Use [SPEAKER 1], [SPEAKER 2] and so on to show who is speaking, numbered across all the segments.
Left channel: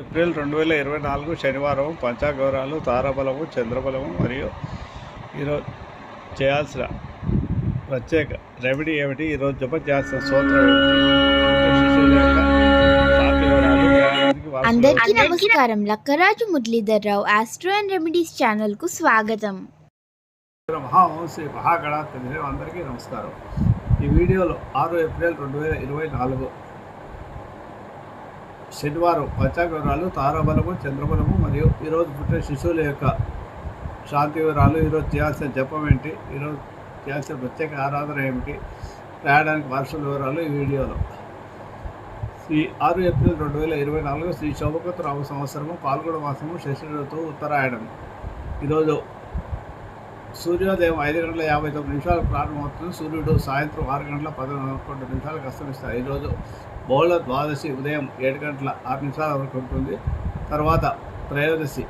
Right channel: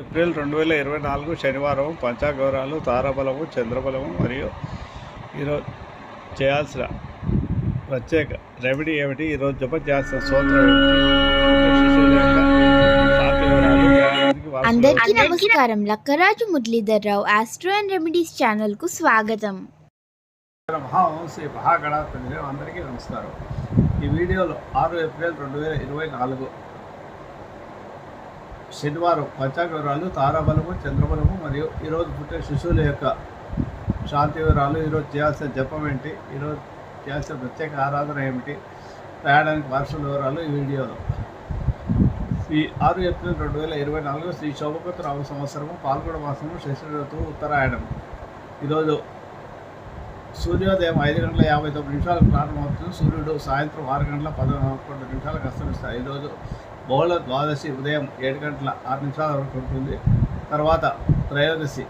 [SPEAKER 1] April రెండు వేల ఇరవై నాలుగు శనివారం పంచాగౌరాలు తారాబలము చంద్రబలము మరియు ఈరోజు చేయాల్సిన ప్రత్యేక రెమెడీ ఏమిటి? ఈరోజు జపం చేయాల్సిన వారసులు
[SPEAKER 2] అందరికీ నమస్కారం. Lakkaraju Muralidharrao astro and remedies ఛానల్కు స్వాగతం.
[SPEAKER 1] మహావంశీ మహాగణాధిపతి అందరికీ నమస్కారం. ఈ వీడియోలో ఆరు ఏప్రిల్ రెండు వేల ఇరవై నాలుగు శనివారం పంచాంగవరాలు తారాబలము చంద్రబలము మరియు ఈరోజు పుట్టే శిశువుల యొక్క శాంతి వివరాలు ఈరోజు చేయాల్సిన జపం ఏంటి? ఈరోజు చేయాల్సిన ప్రత్యేక ఆరాధన ఏమిటి? రాయడానికి వార్షల వివరాలు ఈ వీడియోలో. ఈ ఆరు ఏప్రిల్ రెండు వేల ఇరవై నాలుగు శ్రీ శోభకృత రామ సంవత్సరము పాల్గొన మాసము శశి ఋతువు ఉత్తరాయణం ఈరోజు సూర్యోదయం ఐదు గంటల యాభై తొమ్మిది నిమిషాలకు ప్రారంభమవుతుంది. సూర్యుడు సాయంత్రం ఆరు గంటల పదకొండు నిమిషాలకు అస్తమిస్తాయి ఈరోజు బహుళ ద్వాదశి ఉదయం ఏడు గంటల ఆరు నిమిషాల వరకు ఉంటుంది. తర్వాత త్రయోదశి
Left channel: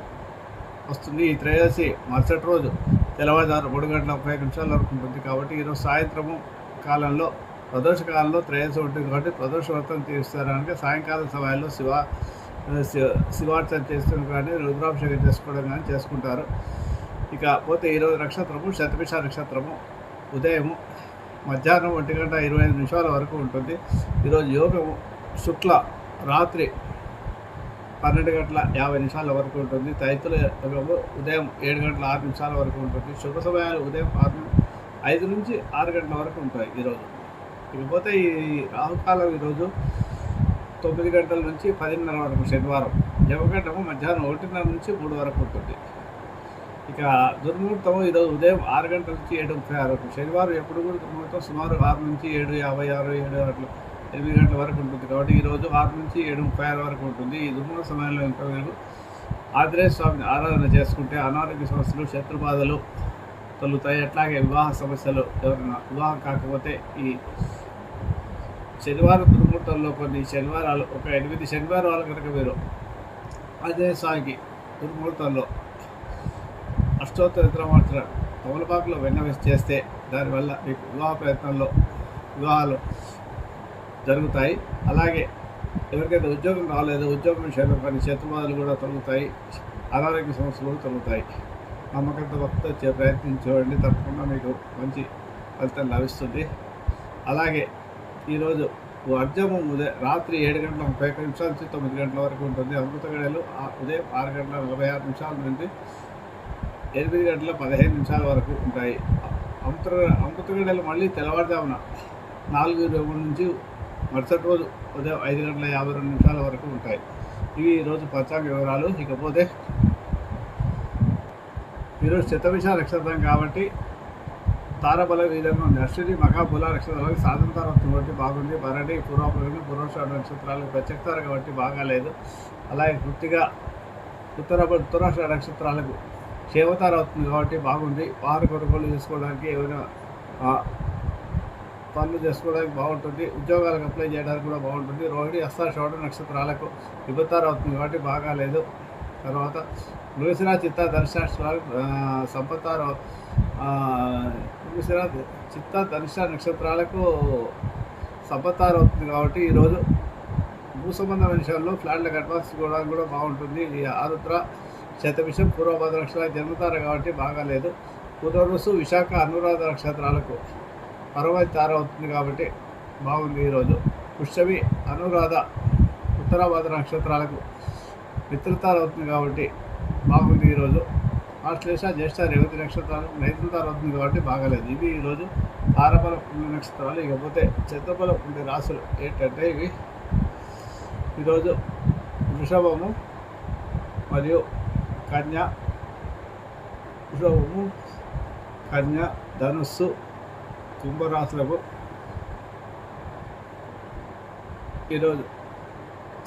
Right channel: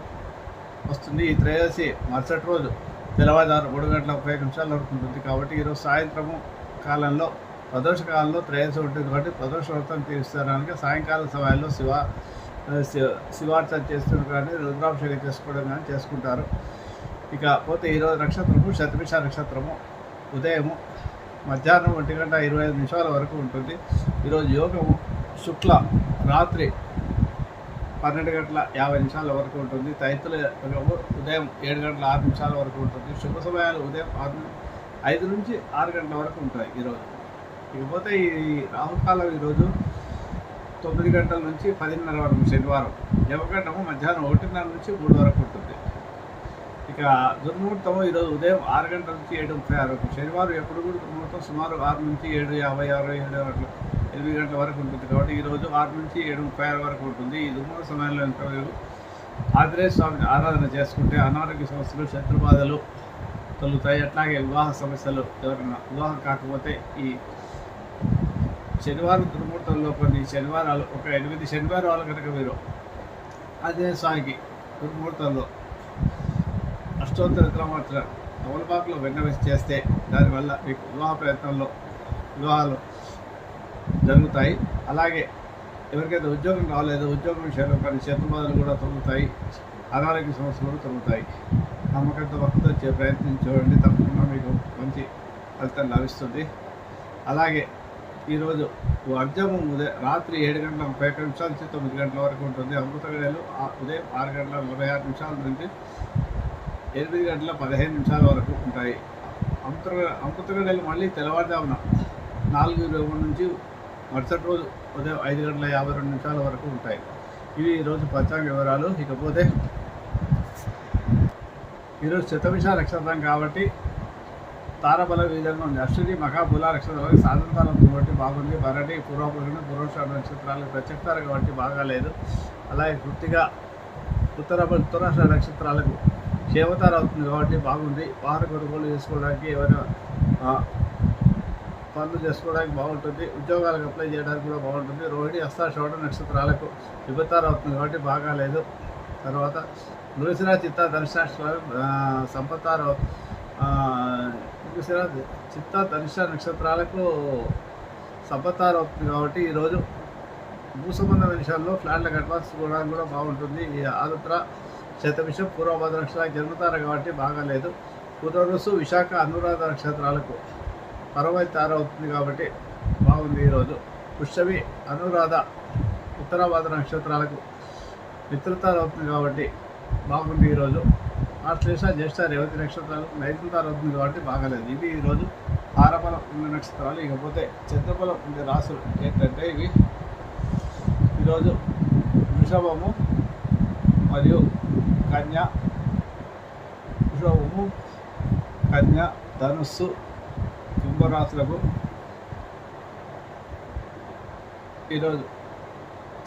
[SPEAKER 1] వస్తుంది. ఈ త్రయోదశి మరుసటి రోజు తెల్లవారుజాము మూడు గంటల ముప్పై నిమిషాల వరకు ఉంటుంది. కాబట్టి ఈరోజు సాయంత్రము కాలంలో ప్రదోష కాలంలో త్రయోదశి ఉంటుంది. కాబట్టి ప్రదోష వ్రతం తీర్చడానికి సాయంకాలం సమయంలో శివ శివ- శివార్చన చేస్తున్న కానీ రుద్రాభిషేకం చేసుకోవడం కానీ చేసుకుంటారు. ఇక పోతే ఈరోజు నక్షత్రము శతభిష నక్షత్రము ఉదయము మధ్యాహ్నం ఒంటి గంట ఇరవై ఐదు నిమిషాల వరకు ఉంటుంది. ఈరోజు యోగము శుక్ల రాత్రి పన్నెండు గంటల యాభై నిమిషాల వరకు ఉంటుంది. తైతుల యోగము ఉదయం ఏడు గంటల ఆరు నిమిషాల వరకు ఉంటుంది. శుభ సమయాలు ఉదయం ఆరు ఐదు నుంచి ఆరు గంటల వరకు ఉంటాయి ఈరోజు. ఇకపోతే ఈ రాహుకాలం ఈరోజు తొమ్మిది గంటల నుంచి పదిన్నర వరకు శనివారం. యమగంటము మధ్యాహ్నం ఒకటిన్నర నుంచి మూడు వరకు ఉంటుంది. ఇక దుర్ముహూర్తం ఈరోజు ఉదయం ఆరు గంటల నుంచి ఏడు ముప్పై ఆరు శనివారం ఎప్పుడు కూడా దుర్ముహూర్తం సుమారు ఆరు నుంచి ఏడు యాభై ఆరు ఏడు గంటలు ఎనిమిది గంటల వరకు ఉంటుంది. కాబట్టి ఈరోజు ఆరు నుంచి ఏడు ముప్పై ఆరు వరకు ఉంటుంది. ఈ దుర్ముహూర్త సమయంలో ఎంత మీరు ఆంజనేయ స్వామిని ఆరాధన చేసుకుంటే అనారోగ్య సమస్యలు శత్రుబాధలు తొలుగుతాయి అట్లాగే వివాహ సమస్యలు ఎవరైనా వివాహం కాకపోతే ఈ శనివారం దుర్ముహూర్తంలో కొన్ని శనివారాలు ఒక ఎనిమిది శనివారాలు కనుక మీరు ఆంజనేయ స్వామికి దుర్ముహూర్తంలో అష్టోత్తర విక్రమార్చన తమలపాకులో వెన్న చేస్తే దానివల్ల మీకు వివాహ ప్రయత్నంలో వివాహాలు జరుగుతాయి. అలాగే ఎవరికైతే ఉద్యోగం రాలేదో ఉద్యోగం విషయంలో కానీ శత్రుబాధలు కూడా తొలుగుతాయి అనారోగ్య సమస్యలు తొలుగుతాయి నమ్మకంతో భక్తితో వచ్చే ప్రయత్నించి చూడండి తప్పకుండా మీకు మంచి ఫలితం లభిస్తుంది. అలాగే ఈరోజు అర్జము ఉదయం రాత్రి ఏడు గంటల ముప్పై నిమిషాల నుంచి తొమ్మిది గంటల వరకు ఉంటుంది. అమృత గడియలు ఉదయం ఆరు గంటల నలభై ఆరు నిమిషాల నుండి ఎనిమిది గంటల పదిహేను నిమిషాల వరకు ఉంటాయి. అమృత అమృతగడలు మళ్ళీ తెల్లవారుజామున నాలుగు ఇరవై నుంచి మరుసటి రోజు ఉదయం ఐదు గంటల యాభై రెండు నిమిషాల వరకు ఉంటాయి. ఇవి ఈరోజు పంచాంగ వివరాలు. ఇకపోతే ఈరోజు శతవిష నక్షత్రం కాబట్టి తారబల విధంగా ఉంది అశ్విని మహాబుల నక్షత్రాలకు సాధనతరం కాబట్టి బాగుంది. భరణి పూర్వపురుని పూర్వషాఢ నక్షత్రాలకు ప్రత్యక్షతార కాబట్టి బాగాలేదు. అలాగే కృతిగా ఉత్తర ఉత్తరాష్ట్ర నక్షత్రాలకు దేవతారు అవుతుంది కాబట్టి బాగుంది. వారు కొనుగోలు చేసుకోవడానికి ఏమైనా పనులు చేసుకోవడానికి బాగుంటుంది. ఉద్యోగాలకు అప్లై చేయడానికి కూడా బాగుంటుంది. రోహిణి హస్తాషోడ నక్షత్రాలకు విభతార అవుతుంది కాబట్టి బాగాలేదు తర్వాత మృగశిర చిత్త ధనుష్టాలకు సంపత్తార మృగశిర చిత్త ధనుష నక్షత్రాలకు సంపత్తార అవుతుంది కాబట్టి ఈరోజు భూ సంబంధమైన విషయాల్లో ఫ్లాట్లకు అడ్వాన్స్ ఇవ్వడానికి కూడా బాగుంటుంది. ఈ శతవిషం పూర్వభద్ర నక్షత్రానికి జన్మతార కాబట్టి బాగాలేదు. పునరుసు విశాఖ అనురాధ నక్షత్రాలకు పరమై తార అవుతుంది కాబట్టి బాగుంది ఈరోజు. పుష్యమి అనురాధ ఉత్తరాభద్ర నక్షత్రాలకు మిత్రతార అవుతుంది కాబట్టి బాగుంది ఈరోజు. ఆశ్లేష జ్యేష్ఠ రేవతి నక్షత్రాలు నైతృతార అవుతుంది కాబట్టి బాగాలేదు. ఇది ఈరోజు తారబలం ఉన్న నక్షత్రాలు. ఇకపోతే చంద్రబలం ఉండే రాసులు ఏంటంటే ఇవి. ఈరోజు వృషభము మరియు కన్య రోము కన్య ధనుస్సు కుంభరాశులకు ఈరోజు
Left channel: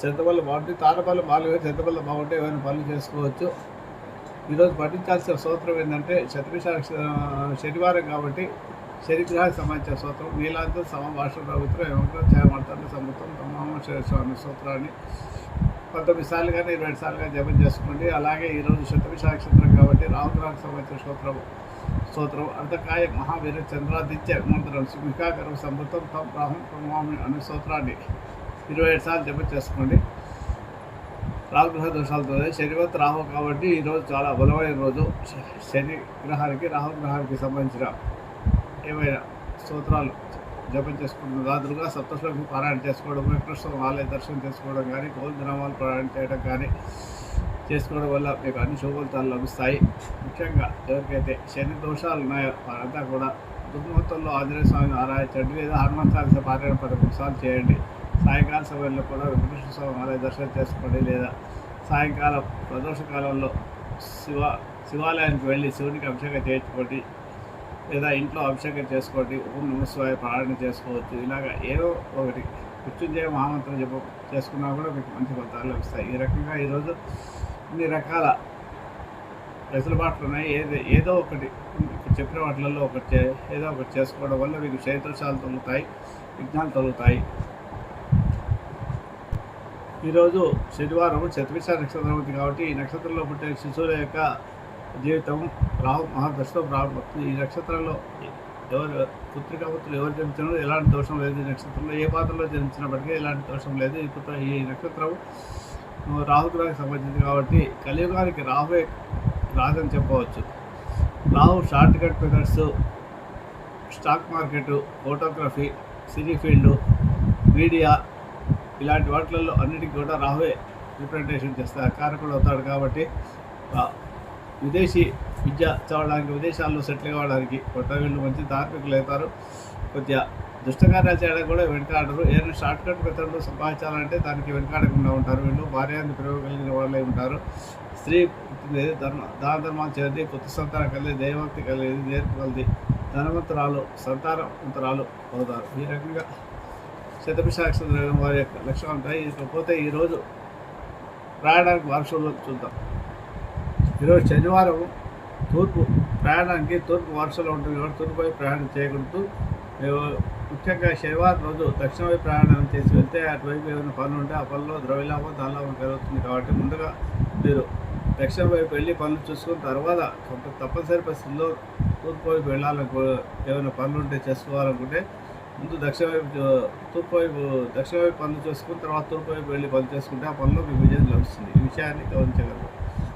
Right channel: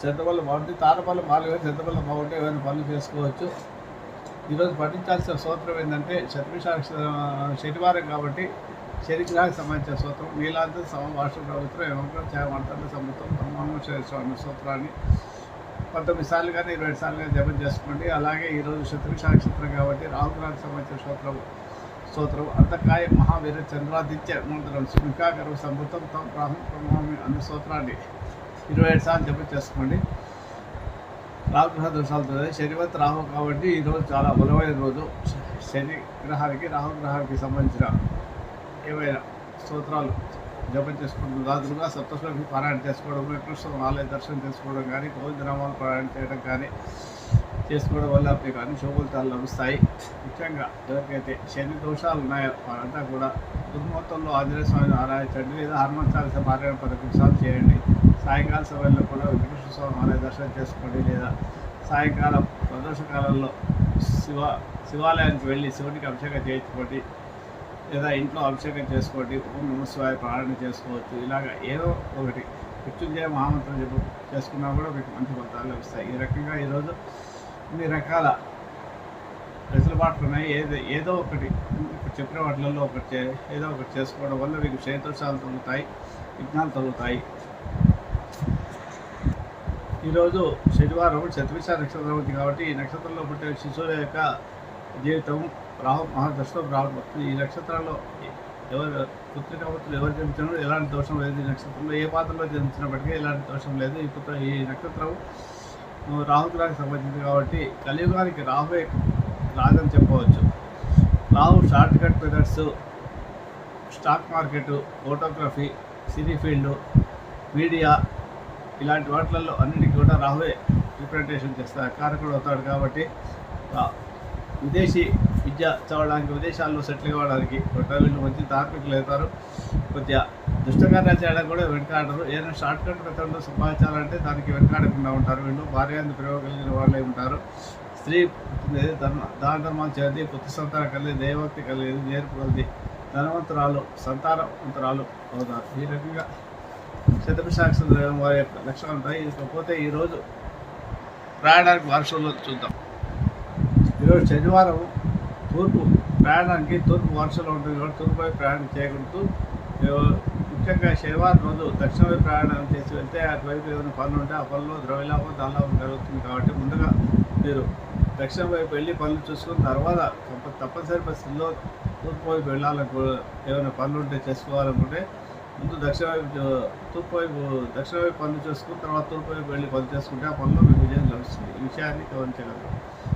[SPEAKER 1] చింతపల్లి బాగుంది తారపల్లి మాలుగా చెత్తపల్లి బాగుంటే ఏమైనా పనులు చేసుకోవచ్చు. ఈరోజు పఠించాల్సిన సూత్రం ఏంటంటే శతభిష శనివారం కాబట్టి శనిగ్రహానికి సంబంధించిన సూత్రం నీలాంత సమభాష ప్రభుత్వం ఏమంటారు చేయమంటారు సముద్రం తమ స్వామి సూత్రాన్ని పంతొమ్మిది సార్లు కానీ ఇరవై సార్లు కానీ జపం చేసుకోండి. అలాగే ఈరోజు శతభిష నక్షత్రం కాబట్టి రాహుగ్రహానికి సంబంధించిన సూత్రం స్తోత్రం. అంతకాయ మహావీర చంద్రాదిత్య మంత్రం సుమికాకరం సమృతం తం ప్రాహం ప్రమామి అనే స్తోత్రాన్ని ఇరవై ఏడు సార్లు జపం చేసుకోండి. రాహుగ్రహ దోషాలతో శనివత్ రాహు కాబట్టి ఈరోజు చాలా బలమైన రోజు. శని గ్రహానికి రాహుగ్రహానికి సంబంధించిన ఏమైనా స్తోత్రాలు జపం చేసుకుంటూ రాత్రులుగా సప్తశ్లోకి పారాయణ చేసుకోవడం కృష్ణ ఆలయ దర్శనం చేసుకోవడం కానీ గోవిందనామాలు పారాయణ చేయడం కానీ చేసుకోవడం వల్ల మీకు అన్ని శుభఫలితాలు లభిస్తాయి. ముఖ్యంగా ఎవరికైతే శని దోషాలు ఉన్నాయో వారంతా కూడా దుర్మూర్తంలో ఆంజనేయ స్వామిని ఆరాధించండి. లేదా హనుమాన్ చాలీస పారాయణ పదకొండు సార్లు చేయండి. సాయంకాల సమయంలో కూడా వెంకటేశ్వర స్వామి ఆలయ దర్శనం చేసుకోండి. లేదా సాయంకాలం ప్రదోష కాలంలో శివ శివాలయానికి వెళ్ళి శివునికి అభిషేకం చేయించుకోండి. లేదా ఇంట్లో అభిషేకం చేసుకోండి ఓం నమస్వాయ పారాయణ చేసుకోవచ్చు ఇలాగ ఏదో ఒకటి. మృత్యుంజయ మహామంత్రం చెప్ప చేసుకున్నా కూడా మీకు మంచి ఫలితాలు లభిస్తాయి. ఈ రకంగా ఈరోజు ఇన్ని రకాల వెసులుబాట్లు ఉన్నాయి ఏదో ఏదో ఒకటి చెప్పిన వాటిలలో ఒకటి చే- ఏదో ఒకటి చేసుకోవడం వల్ల మీకు క్షేత్రశాలు తొలుగుతాయి విఘ్నాలు తొలుగుతాయి. ఈరోజు శనివారం శతవిష నక్షత్రం ఉంది కాబట్టి ఈ నక్షత్రంలో పుట్టే శిశువుల యొక్క జీవితం రాహు మహాదశలో ప్రారంభమవుతుంది ఈ నక్షత్రంలో ఎవరు పుత్రిక పుత్రులు ఎవరు జన్మించినారో ఎలాంటి దోషం లేదు ఈ నక్షత్రంలో. ఏ పాత్రలో జన్మించినప్పటికీ ఎలాంటి దోషం లేదు. ఈ పుత్ర ఈ నక్షత్రం రాహుగ్రహానికి సంబంధించింది కాబట్టి కలియుగానికి రాహువే రాజని చెప్పవచ్చు. Rahu shortcut methods stock market photography cine field media ఇలాంటి వాటిలలో అన్నిటికీ కూడా రాహువే రిప్రజెంటేషన్ చేస్తారు. కారకుడు అవుతాడు కాబట్టి విదేశీ విద్య చదవడానికి విదేశాల్లో సెటిల్ కావడానికి కొట్ట వీళ్ళు మంచి ధార్మికులు అవుతారు. కొద్దిగా దుష్టకార్యాలు చేయడానికి కూడా వెనుకాడరు. ఏదైనా షార్ట్ కట్ మెథడ్లో సంపాదించాలంటే దానికి వెనుకాడకుండా ఉంటారు. వీళ్ళు భార్యాంత ప్రేమ కలిగిన వాళ్ళే ఉంటారు. స్త్రీ పుట్టినది ధర్మ దాన ధర్మాలు చేది పుత్ర సంతానం కలిగి దైవభక్తి కలిగి నేర్పు కలిది ధనవంతరాలు సంతానవంతరాలు అవుతారు. ఈ రకంగా శతభిషాక్షరం వారి యొక్క లక్షణాలు ఉంటాయి. ఇకపోతే ఈరోజు రాయడానికి వారసులు చూద్దాం. ఈరోజు శనివారం తూర్పు ప్రయాణానికి తూర్పు వరుసలో ఉంటుంది కాబట్టి తూర్పు వైపు ప్రయాణం చేయకూడదు ముఖ్యంగా శనివారం రోజు దక్షిణ వైపు ప్రయాణం చేసి వెళ్తే అటువైపు ఏమైనా పనులు ఉంటే ఆ పనిలో ద్రవ్యలాభం ధనలాభం జరుగుతుంది కాబట్టి ముందుగా మీరు దక్షిణ వైపు వెళ్ళి పనులు చూసుకున్న తర్వాత తప్పనిసరి పరిస్థితుల్లో తూర్పు వైపు వెళ్ళాలనుకో ఏమైనా పనులు ఉంటే చేసుకోవాలనుకుంటే ముందు దక్షిణ వైపు తూర్పు వైపు దక్షిణ వైపు పనులు చేసుకుని తర్వాత తూర్పు వైపు వెళ్ళి పనులు చేసుకుంటే ఆ పనిలో మీకు విజయం లభిస్తుంది. ఈ విషయాన్ని గమనించగలరు.